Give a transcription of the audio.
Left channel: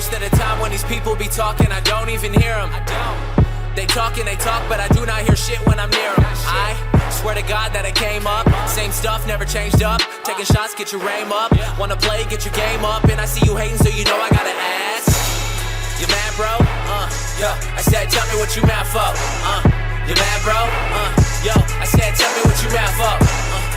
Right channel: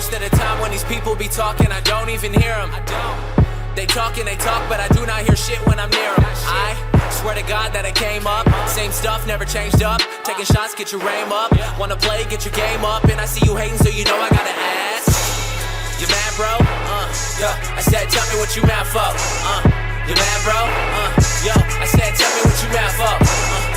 Most of the time when these people be talking, I don't even hear them. They talk and they talk, but I do not hear shit when I'm near them. I swear to God that I came up, same stuff, never changed up. Taking shots, get your aim up. Wanna play, get your game up. And I see you hating, so you know I gotta ask. You mad, bro? Yo, I said, tell me what you mad for. You mad, bro? Yo, I said, tell me what you mad for.